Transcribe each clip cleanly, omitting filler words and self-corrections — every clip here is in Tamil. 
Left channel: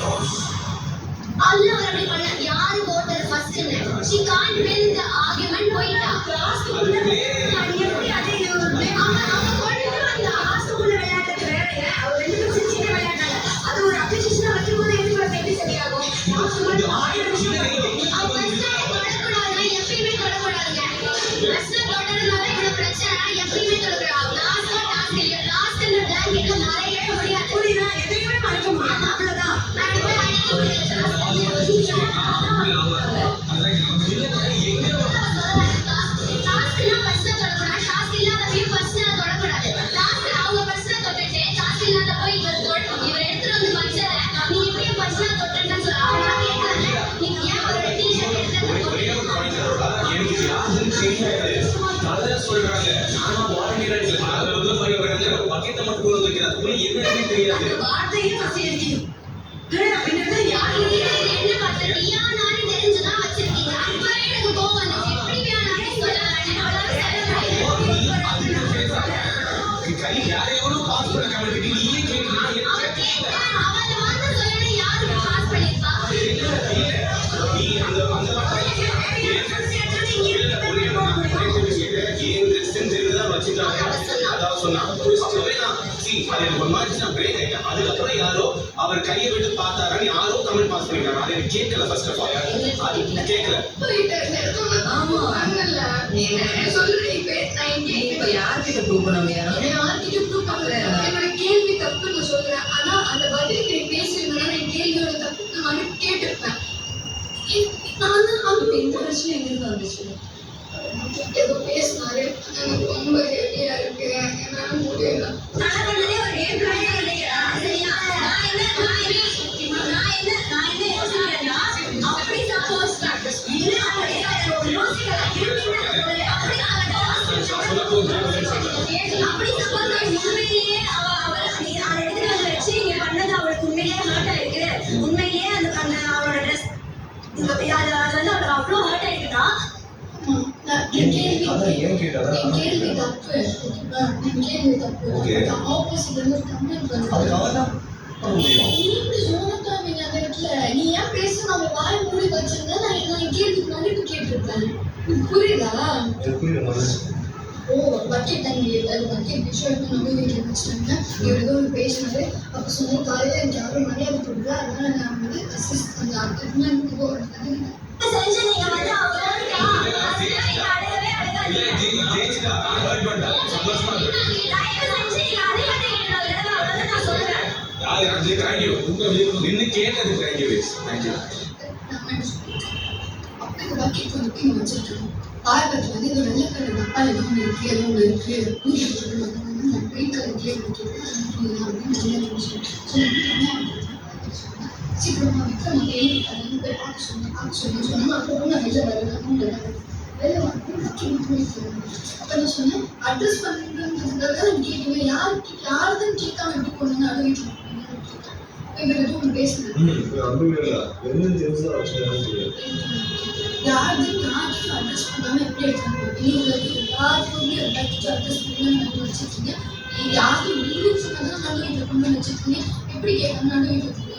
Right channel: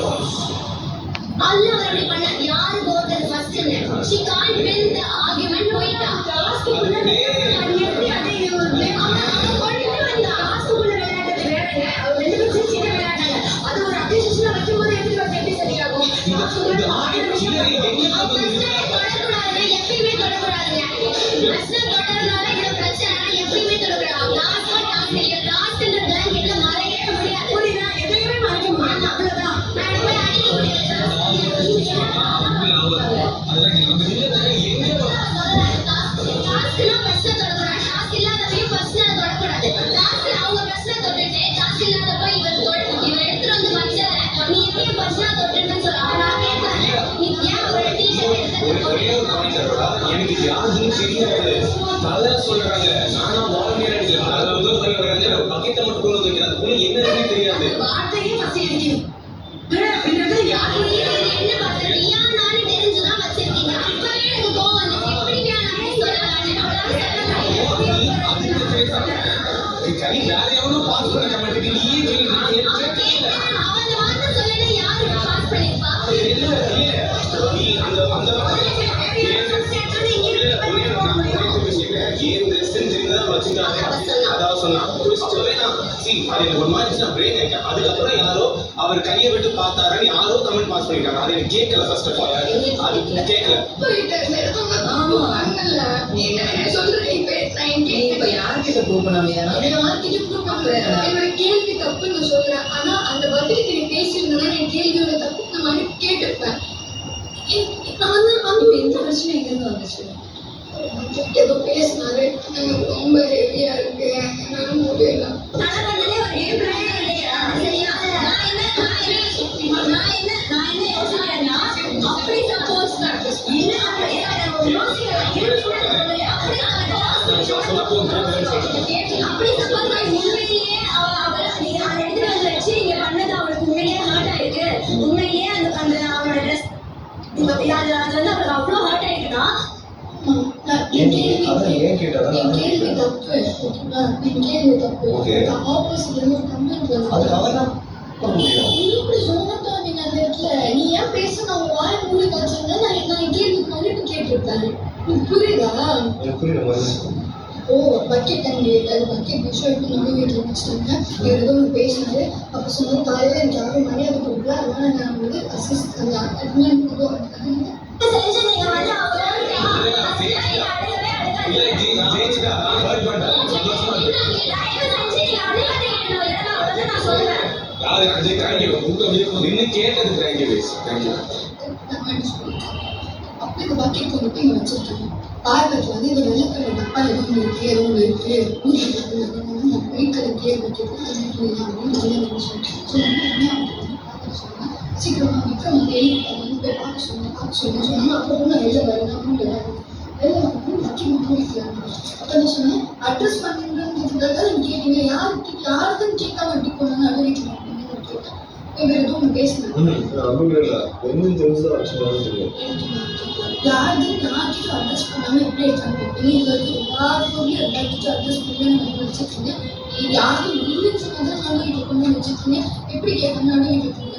Allah அவரை பண்ண யாரு கோத்தர் first she can't win the argument போயிட்டா லாஸ்ட் அது எப்படி அடையணும் அவன் கொண்டு வந்தா லாஸ்ட் உள்ள விளையாடுறது வேறங்க அவர் ரெண்டு பேரும் சின்ன விளையாடுறாங்க அது ஒரு அப்ரிசியேஷனா வைக்கும்போது எப்படி ஒரு எப்படி சரியாகும் இது ஆயிரம் சில்லறை எங்க தொடக்கூடாது எப்பயுமே தொடக்கூடாதுங்க பிரச்சனை தொடறனால இந்த பிரச்சனை எப்பயுமே தொடக்கூடாது லாஸ்ட் இந்த பிளாங்கெட்ல மறையவே முடியாது புரியுதா எதையுமே மறைக்க முடியாது அவ்வளவுதான் நான் போய் அடிக்க முடியாது அதுக்கப்புறம் யாரோ அவர் கையை விட்டு பார்த்தாரு யாரோ கமெண்ட் பாஸ் பண்ணிட்டாங்க அது எனக்கு கேட்கல ஃபர்ஸ்ட் ஆஃப் ஆல் அது கேட்கல யார்கிட்ட ப்ரூவ் பண்ணாமையா யார்கிட்ட ப்ரூவ் பண்ணல என்னோட கேள்வி தப்புன்னு சொல்றேன் ஆனா அந்த பதிலுக்கு நீ பேசியிருந்தா என் கேள்வியோட தப்பு நான் கேட்டிருப்பேன் அந்த எந்த பிரச்சனை எங்கிருந்து வந்துச்சு ஏதோ பேசினாரு எனக்கு ரொம்ப ஹெவியா இருக்கு என்னால முடியல பக்கெட் பக்கெட் விஷயம் எடுத்து நம்ம வீட்டில் வச்சுட்டாங்க இவர் ஏதோ ஒரு பேசினாரு அப்போ சொன்ன காலையில் எனக்கு யாரும் மரியாதை கொடுக்கல அதனால நான் வந்து அசிஸ்ட் அந்த அட்மின் அப்படி பக்கெட் கொண்டு போய் வச்சிருக்காங்க பார்வத்தில் வந்து இது வெள்ளை கலர் டப்பா எதுவும் இருக்கு எதுவும் இருக்கு ஒயிட் கலர் கேக் அப்படின்னு சீக்கிரமா விக்ரம் போய் பார்க்க சொன்னேன் அப்புறம் நான் வெளில வெளில வந்து பக்கெட் போயிருக்கேன் அப்போ நான் சொன்னேன் அட்ரஸ் பண்ணுறதுக்காக நீங்க கேட்டீங்க யாருக்குன்னு கேட்காம எப்படி கொண்டு அதை வீட்டில் அப்படின்னு கேட்டேன் இவர் எதுவும் பேசினேன் யாருக்கும் யார்கிட்ட அட்ரஸ் பண்ணாமல் எப்படி எடுத்தாங்க எல்லாத்துக்கும் எல்லாத்துக்கும் அட்ரஸ் பண்ணி நான் வச்சுருக்கீங்க யாருக்கும் இல்லைன்னு சொன்னதான் நான் வீட்டில் கொண்டு வச்சுருக்கீங்க எப்படி கேட்காம நான் வீட்டில் கொண்டு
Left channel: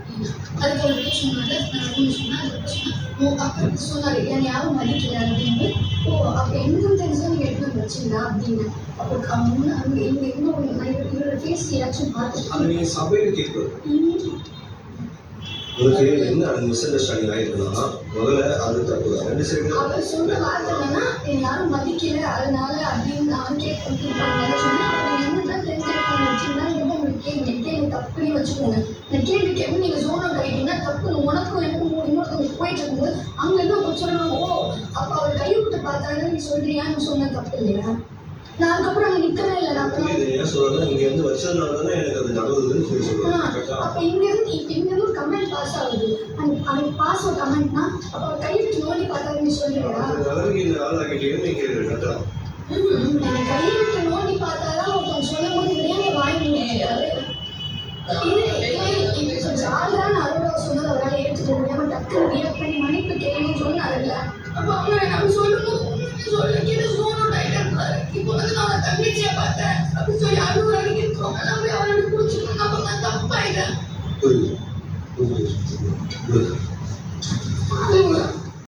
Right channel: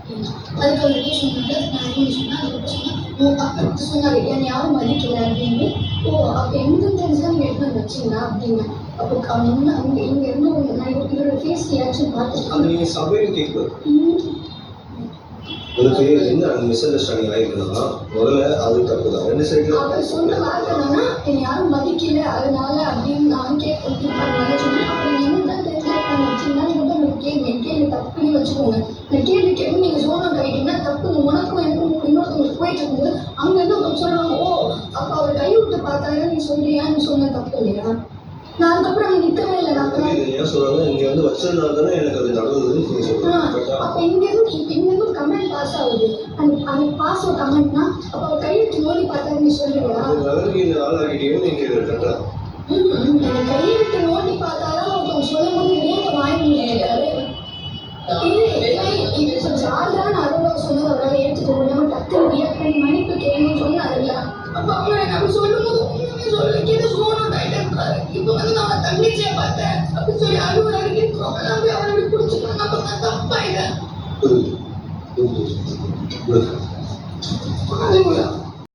அப்படின்னா அதுக்கு அவர்கிட்ட சொன்னாங்க நான் அப்படின்னு சொன்னேன் அதுக்கப்புறம் சொன்னேன் ஓ அப்போ சொன்னார் என் யாரும் மதிக்கல அப்படின்னு ஓ அப்போ எங்கே தெரிஞ்சுதான் நீங்கள் எடுத்து வந்து வச்சிங்களா அப்படின்னு அப்போ முன்னே அங்கே இங்கே இருந்து நான் இவரோட ஃபேஸ் ரியாக்ஷன் பார்த்துருக்கேன் உங்களுக்கு என்ன அந்த மிஸ் அண்டர்ஸ்டாண்டிங் ஆயிருக்குன்னா முதல்ல அது தப்பு தான் ரெண்டு சைடு அவர் சொன்ன வார்த்தை என்னன்னா யாரும் மதிக்கல அதனால அப்படின்னு நான் கேட்க சொன்னேன் அப்புறம் என்னதான் தெரிஞ்சிருப்பாங்க வச்சுருந்தா நீங்க கேள்வி தப்புன்னு வச்சுக்கோங்க இந்த கேள்வி கேள்வி நீங்க சோனா கைட்டீங்கன்னா தப்பு உனக்கும் எனக்கும் இன்னொருத்தவங்க போயிட்டு இருக்கும்போது அங்க இருந்து ஒருத்தர் சொல்லுவாங்க ஓ அப்போ அவர் கை விட்டு பார்த்தாங்க நீ சொல்றியா நீ சொன்ன தப்பு இல்லையா நான் அதுக்கப்புறம் அங்கே நிற்கவே இல்லை நான் சொல்றேன் இங்க வந்து வச்சதுனால தானே எனக்கு அது நடந்ததுன்னு சொல்றேன் அப்போ இங்கேருந்து கமெண்ட் பாஸ் ஆகுது அந்த பாஸ் ஆகுது கமெண்ட்னா அப்போ அவர் கைவிட்டு நோண்டி பார்த்தாரு நீ சொல்றியா ஆளாகிட்டேன்னு நீங்க கரெக்டா எனக்கு கைவிட்டு நோண்டி பார்த்தாரா ஒருத்தவங்க சொல்லும் போது இல்லையா வாய் முடியாது ஜாலியா நான் அருளா சொன்னது அவரால் ஏற்றுக்க முடியாம டக்கு ரியாக்ட் பண்ணி மன்னிப்பு கேளுன்னு சொன்னார்ல அப்போ அவங்க நம்ம சொல்லும் போது உண்மையுமே சொல்ல கேட்டு சோனம் டைட்டாரு இப்போ வந்து நான் தங்கச்சியை பார்த்தேன் அப்படி சொல்லி அருள் வரைக்கும் இருக்கோம் நான் போய் அவரை பிடிச்சிக்கணும் அப்போ நான் தப்பாயிட்டேன் கொடுங்க.